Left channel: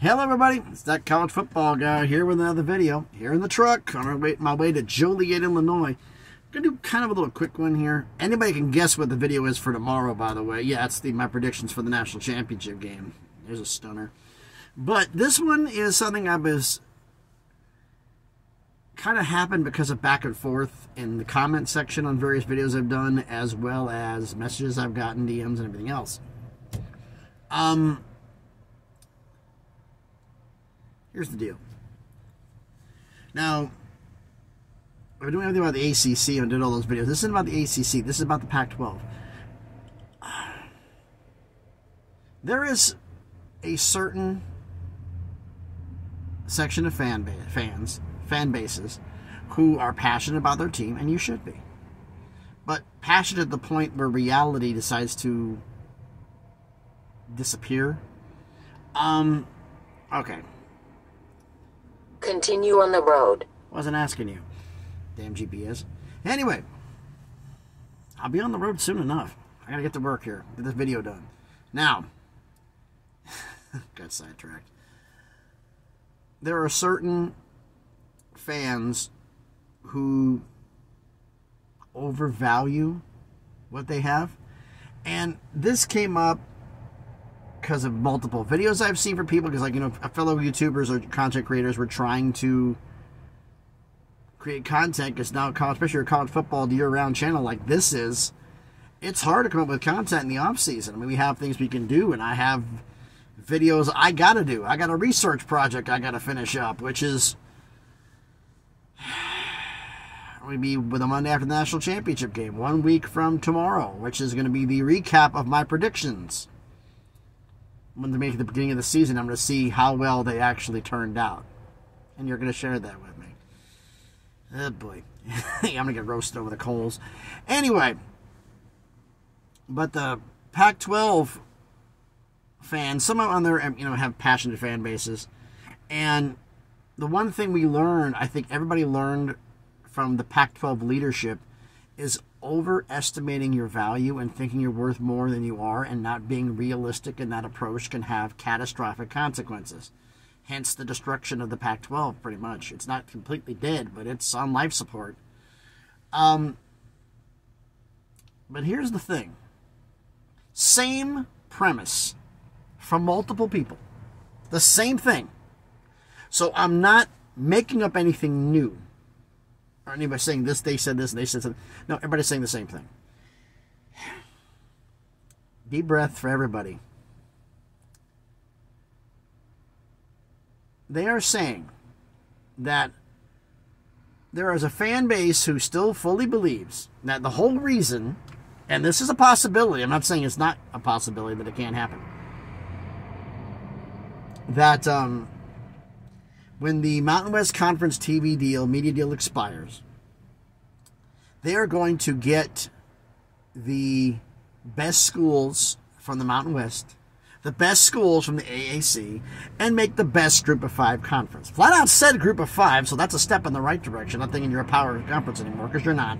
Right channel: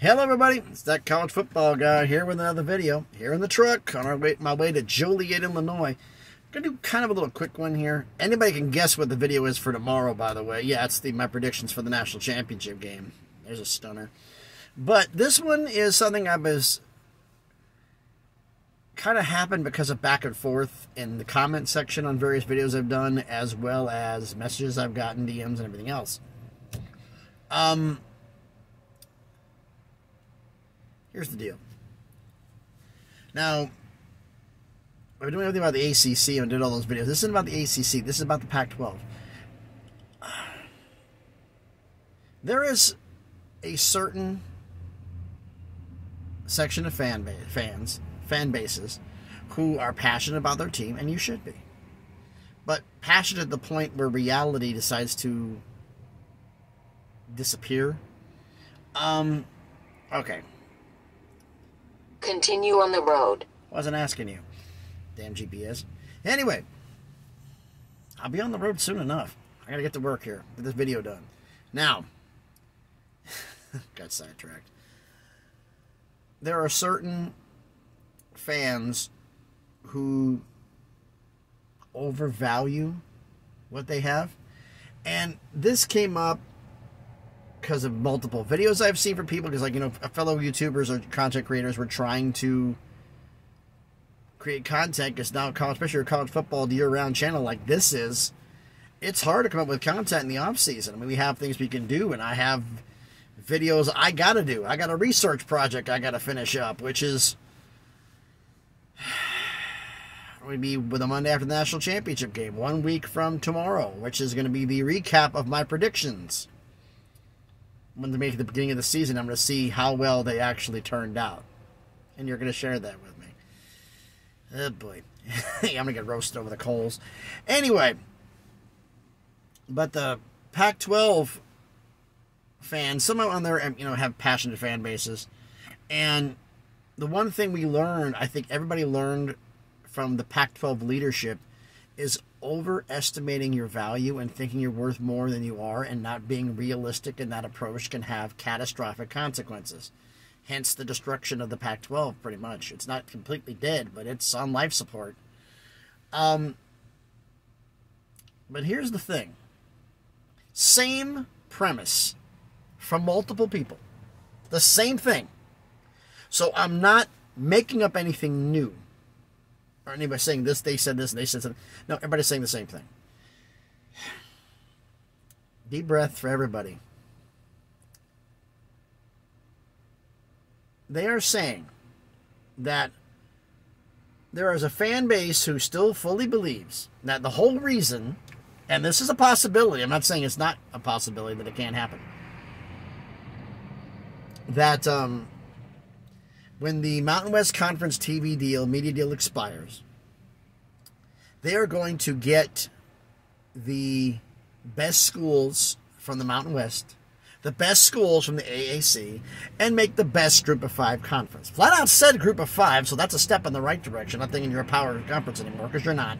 Hello everybody, it's that college football guy here with another video. Here in the truck on my way to Joliet, Illinois. I'm going to do kind of a little quick one here. Anybody can guess what the video is for tomorrow, by the way. Yeah, it's my predictions for the national championship game. There's a stunner. But this one is something I was kind of happened because of back and forth in the comment section on various videos I've done, as well as messages I've gotten, DMs, and everything else. Here's the deal. Now, I've been doing everything about the ACC. I did all those videos. This isn't about the ACC. This is about the Pac-12. There is a certain section of fan bases, who are passionate about their team, and you should be. But passionate at the point where reality decides to disappear. Okay. Continue on the road. Wasn't asking you. Damn GPS. Anyway, I'll be on the road soon enough. I gotta get to work here. Get this video done. Now, got sidetracked. There are certain fans who overvalue what they have. And this came up because of multiple videos I've seen from people, because, like, you know, fellow YouTubers or content creators were trying to create content, because now, especially a college football year-round channel like this is, it's hard to come up with content in the off-season. I mean, we have things we can do, and I have videos I gotta do. I got a research project I gotta finish up, which is going to be with the Monday after the national championship game, 1 week from tomorrow, which is going to be the recap of my predictions. When they make it the beginning of the season, I'm going to see how well they actually turned out. And you're going to share that with me. Oh, boy. I'm going to get roasted over the coals. Anyway. But the Pac-12 fans, some of them there, you know, have passionate fan bases. And the one thing we learned, I think everybody learned from the Pac-12 leadership, is overestimating your value and thinking you're worth more than you are, and not being realistic in that approach can have catastrophic consequences. Hence the destruction of the Pac-12, pretty much. It's not completely dead, but it's on life support. But here's the thing. Same premise from multiple people. The same thing. So I'm not making up anything new. Or anybody saying this, they said this, and they said something. No, everybody's saying the same thing. Deep breath for everybody. They are saying that there is a fan base who still fully believes that the whole reason, and this is a possibility, I'm not saying it's not a possibility that it can't happen, that when the Mountain West Conference TV deal, media deal expires, they are going to get the best schools from the Mountain West, the best schools from the AAC, and make the best Group of 5 conference. Flat out said Group of 5, so that's a step in the right direction. Not thinking you're a power conference anymore, because you're not.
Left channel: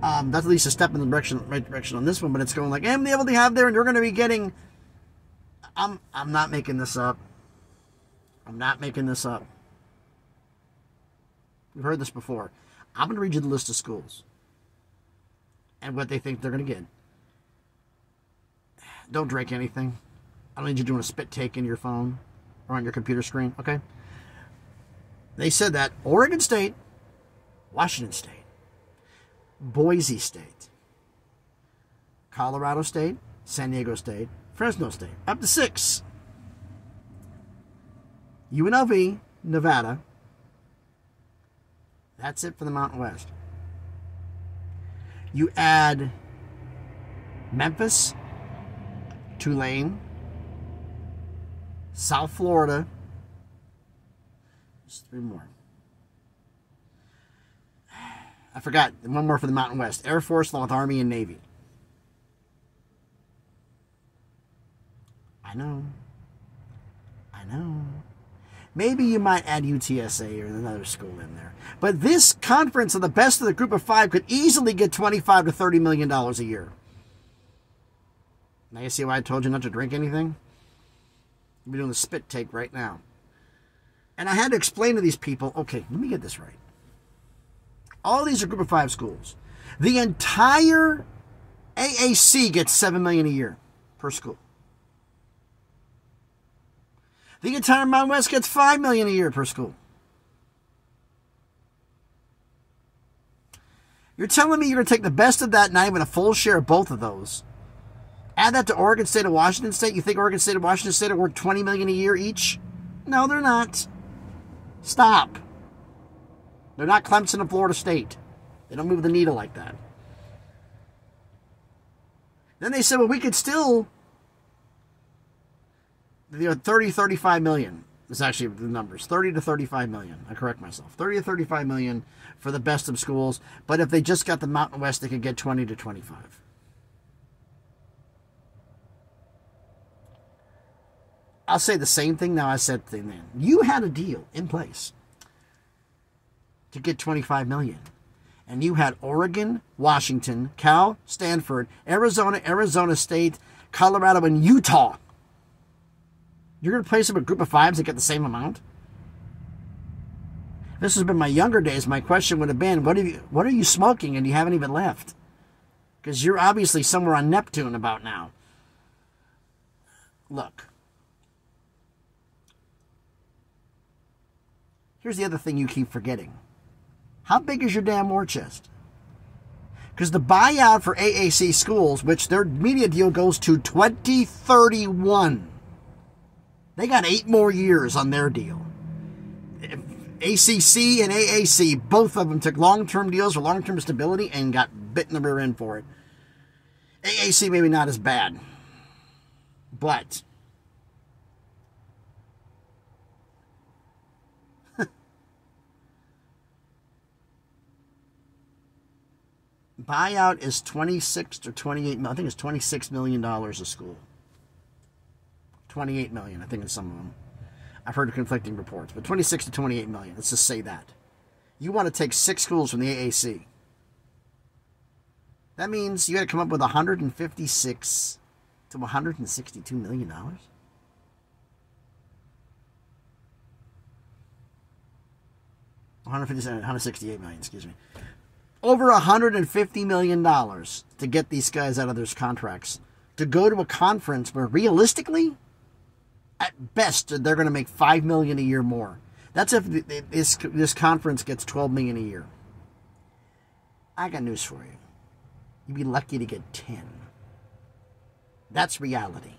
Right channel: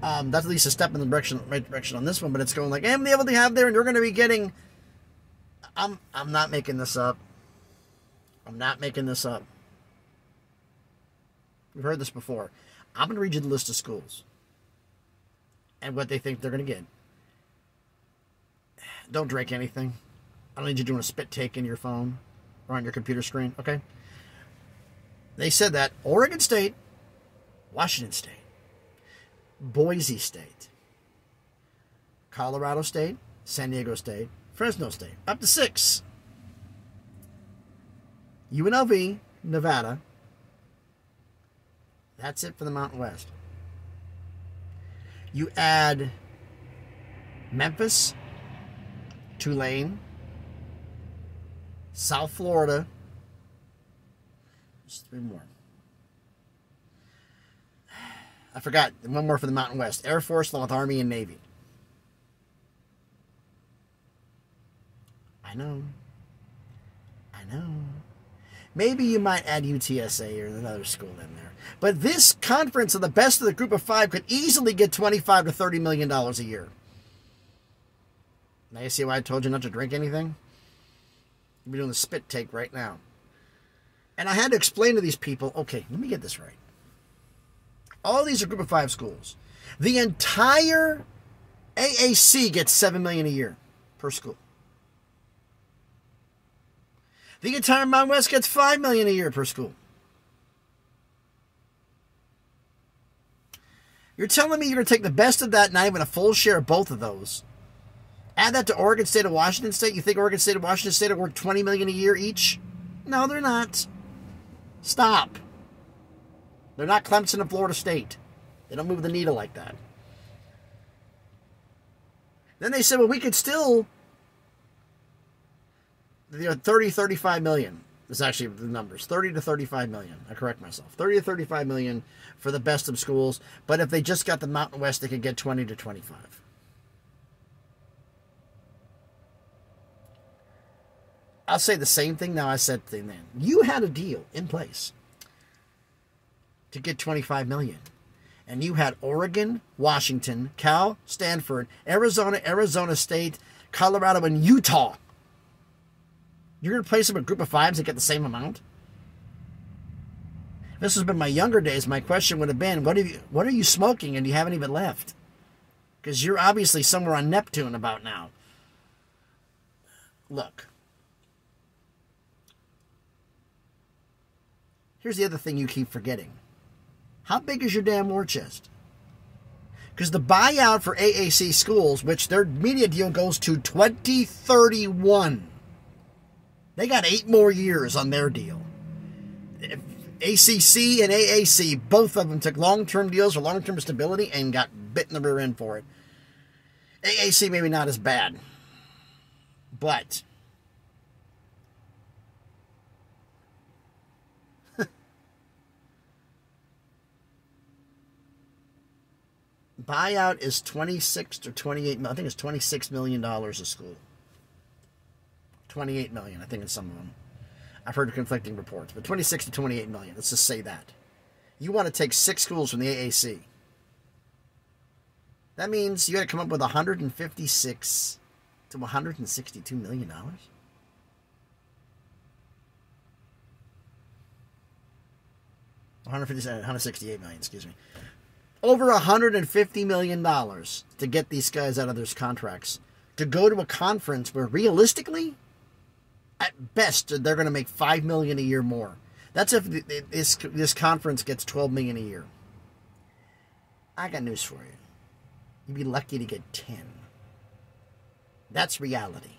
That's at least a step in the right direction on this one, but it's going like, hey, the able to have there, and you're going to be getting... I'm not making this up. I'm not making this up. You've heard this before. I'm going to read you the list of schools and what they think they're going to get. Don't drink anything. I don't need you doing a spit take in your phone or on your computer screen, okay? They said that Oregon State, Washington State, Boise State, Colorado State, San Diego State, Fresno State, up to 6. UNLV, Nevada. That's it for the Mountain West. You add Memphis, Tulane, South Florida. Just 3 more. I forgot. One more for the Mountain West. Air Force, along with Army and Navy. I know. Maybe you might add UTSA or another school in there. But this conference of the best of the Group of 5 could easily get $25 to $30 million a year. Now you see why I told you not to drink anything? We're doing the spit take right now. And I had to explain to these people, okay, let me get this right. All these are Group of 5 schools. The entire AAC gets $7 million a year per school. The entire Mountain West gets $5 million a year per school. You're telling me you're going to take the best of that, not even a full share of both of those. Add that to Oregon State and Washington State. You think Oregon State and Washington State are worth $20 million a year each? No, they're not. Stop. They're not Clemson and Florida State. They don't move the needle like that. Then they said, well, we could still... 30, 35 million is actually the numbers. 30 to 35 million. I correct myself. 30 to 35 million for the best of schools. But if they just got the Mountain West, they could get 20 to 25. I'll say the same thing now I said then. You had a deal in place to get 25 million. And you had Oregon, Washington, Cal, Stanford, Arizona, Arizona State, Colorado, and Utah. You're going to place them a Group of 5s that get the same amount? If this has been my younger days, my question would have been, what are you smoking and you haven't even left? Because you're obviously somewhere on Neptune about now. Look. Here's the other thing you keep forgetting. How big is your damn war chest? Because the buyout for AAC schools, which their media deal goes to 2031. They got 8 more years on their deal. ACC and AAC, both of them took long-term deals for long-term stability and got bit in the rear end for it. AAC maybe not as bad. But buyout is 26 or 28 million. I think it's $26 million a school. 28 million, I think, in some of them. I've heard conflicting reports, but 26 to 28 million. Let's just say that. You want to take 6 schools from the AAC. That means you got to come up with 156 to 162 million dollars. $168 million, excuse me. Over $150 million to get these guys out of their contracts. To go to a conference where realistically, at best, they're going to make $5 million a year more. That's if this conference gets $12 million a year. I got news for you. You'd be lucky to get 10. That's reality.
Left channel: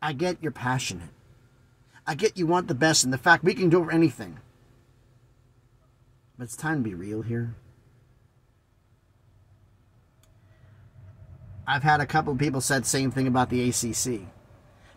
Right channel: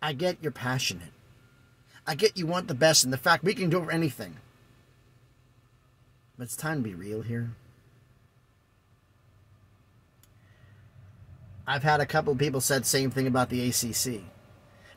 I get you're passionate. I get you want the best, and the fact we can do over anything. But it's time to be real here. I've had a couple of people said the same thing about the ACC.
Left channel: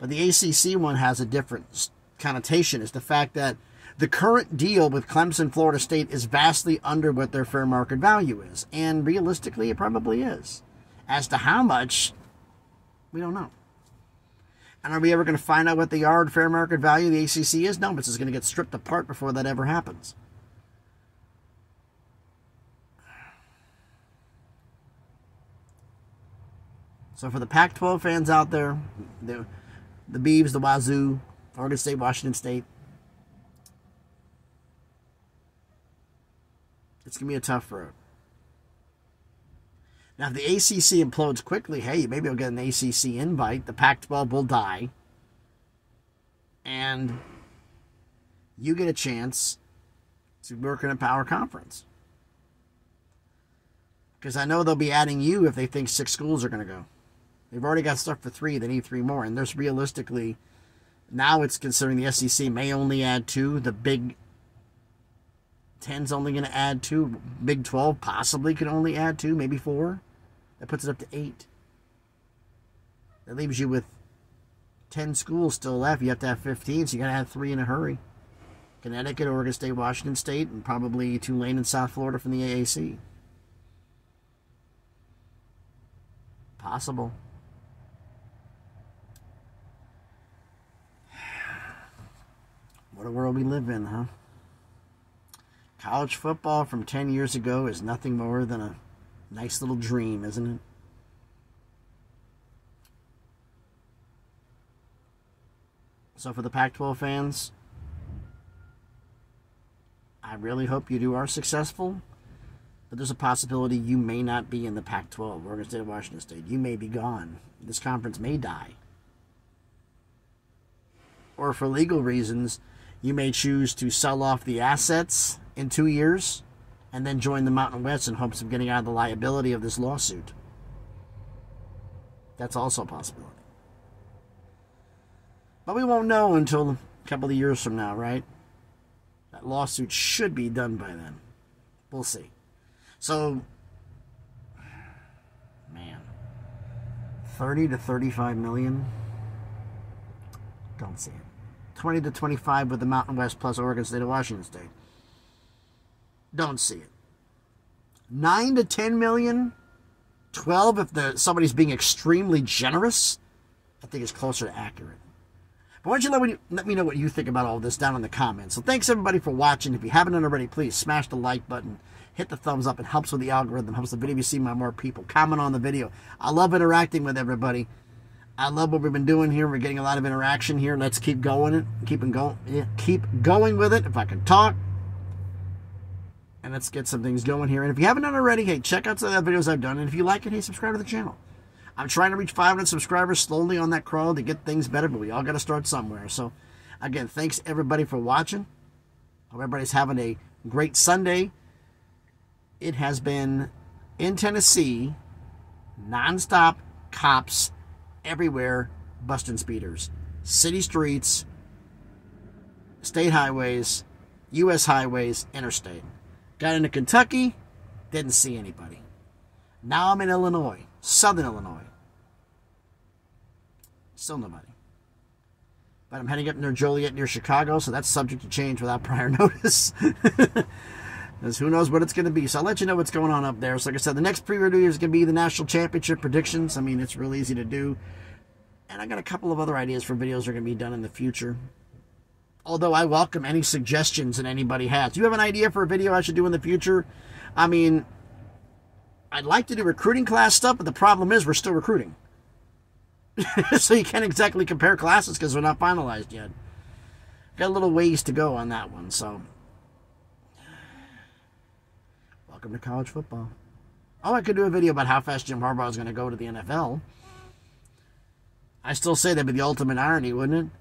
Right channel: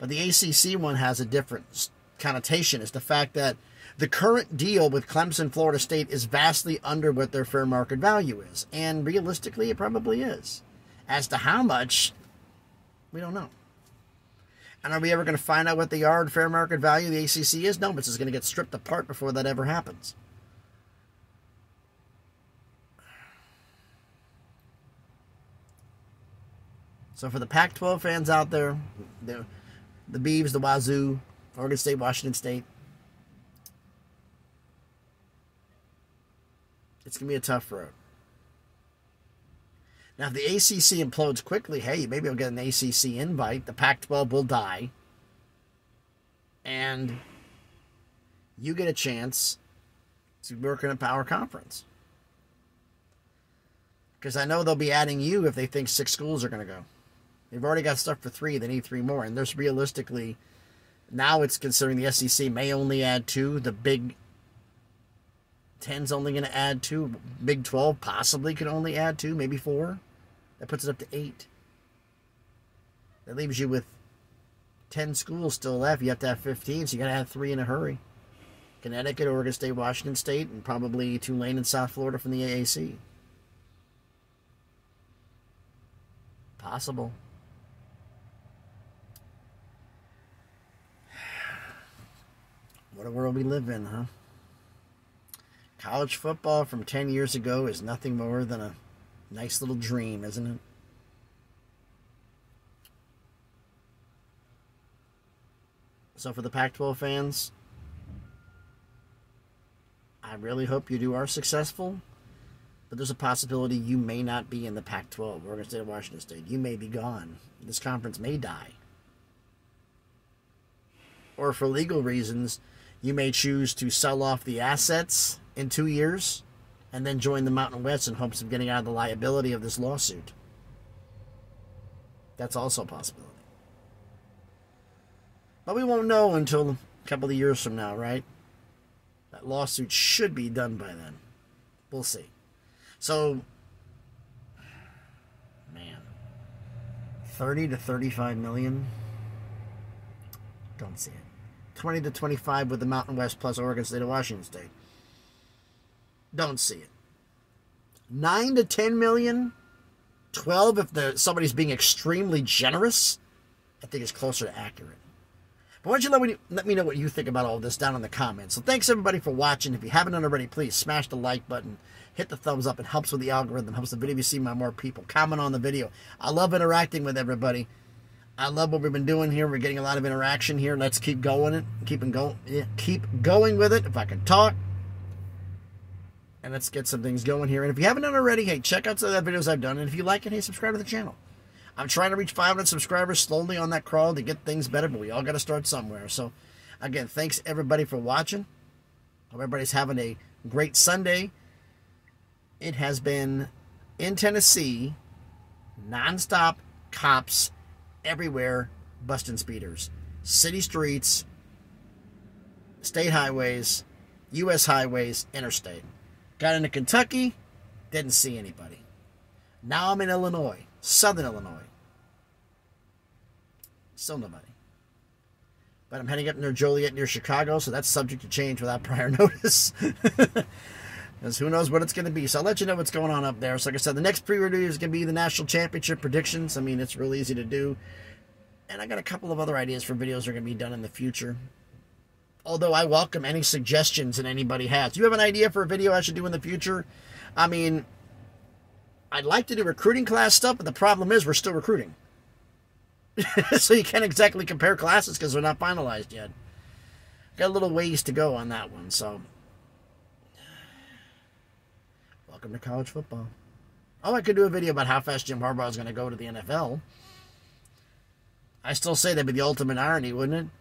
But the ACC one has a different connotation. It's the fact that the current deal with Clemson, Florida State is vastly under what their fair market value is. And realistically, it probably is. As to how much, we don't know. And are we ever going to find out what the yard fair market value of the ACC is? No, but it's going to get stripped apart before that ever happens. So for the Pac-12 fans out there, the Beavs, the Wazoo, Oregon State, Washington State, it's going to be a tough road. Now, if the ACC implodes quickly, hey, maybe I'll get an ACC invite. The Pac-12 will die. And you get a chance to work in a power conference. Because I know they'll be adding you if they think 6 schools are going to go. They've already got stuff for 3. They need 3 more. And there's realistically, now it's considering the SEC may only add 2. The Big 10's only going to add 2. Big 12 possibly could only add 2, maybe 4. That puts it up to 8. That leaves you with 10 schools still left. You have to have 15, so you got to have 3 in a hurry. Connecticut, Oregon State, Washington State, and probably Tulane and South Florida from the AAC. Possible. What a world we live in, huh? College football from 10 years ago is nothing more than a nice little dream, isn't it? So for the Pac-12 fans, I really hope you are successful. But there's a possibility you may not be in the Pac-12, Oregon State of Washington State. You may be gone. This conference may die. Or for legal reasons, you may choose to sell off the assets in 2 years and then join the Mountain West in hopes of getting out of the liability of this lawsuit. That's also a possibility. But we won't know until a couple of years from now, right? That lawsuit should be done by then. We'll see. So, man, 30 to 35 million? Don't see it. 20 to 25 with the Mountain West plus Oregon State of Washington State. Don't see it. 9 to 10 million? 12 if somebody's being extremely generous? I think it's closer to accurate. But why don't you let me know what you think about all this down in the comments. So thanks everybody for watching. If you haven't done already, please smash the like button. Hit the thumbs up. It helps with the algorithm. Helps the video be seen by more people. Comment on the video. I love interacting with everybody. I love what we've been doing here. We're getting a lot of interaction here. Let's keep going. Keep going with it. If I can talk. And let's get some things going here. And if you haven't done already, hey, check out some of the videos I've done. And if you like it, hey, subscribe to the channel. I'm trying to reach 500 subscribers slowly on that crawl to get things better, but we all got to start somewhere. So, again, thanks everybody for watching. Hope everybody's having a great Sunday. It has been, in Tennessee, nonstop cops everywhere busting speeders. City streets, state highways, U.S. highways, interstate. Got into Kentucky, didn't see anybody. Now I'm in Illinois, Southern Illinois. Still nobody. But I'm heading up near Joliet, near Chicago, so that's subject to change without prior notice. Because who knows what it's going to be. So I'll let you know what's going on up there. So like I said, the next pre-review is going to be the National Championship predictions. I mean, it's real easy to do. And I got a couple of other ideas for videos that are going to be done in the future. Although I welcome any suggestions that anybody has. Do you have an idea for a video I should do in the future? I mean, I'd like to do recruiting class stuff, but the problem is we're still recruiting. So you can't exactly compare classes because they're not finalized yet. Got a little ways to go on that one, so. Welcome to college football. Oh, I could do a video about how fast Jim Harbaugh is going to go to the NFL. I still say that'd be the ultimate irony, wouldn't it?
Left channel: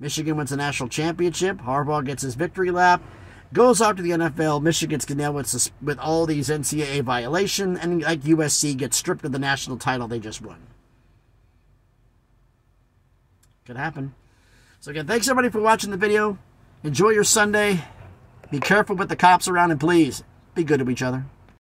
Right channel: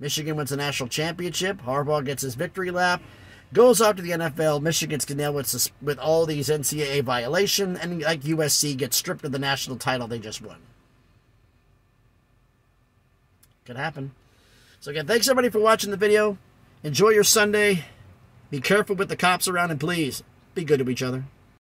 Michigan wins the national championship. Harbaugh gets his victory lap. Goes out to the NFL. Michigan's nailed with all these NCAA violations. And like USC gets stripped of the national title they just won. Could happen. So again, thanks everybody for watching the video. Enjoy your Sunday. Be careful with the cops around and please be good to each other.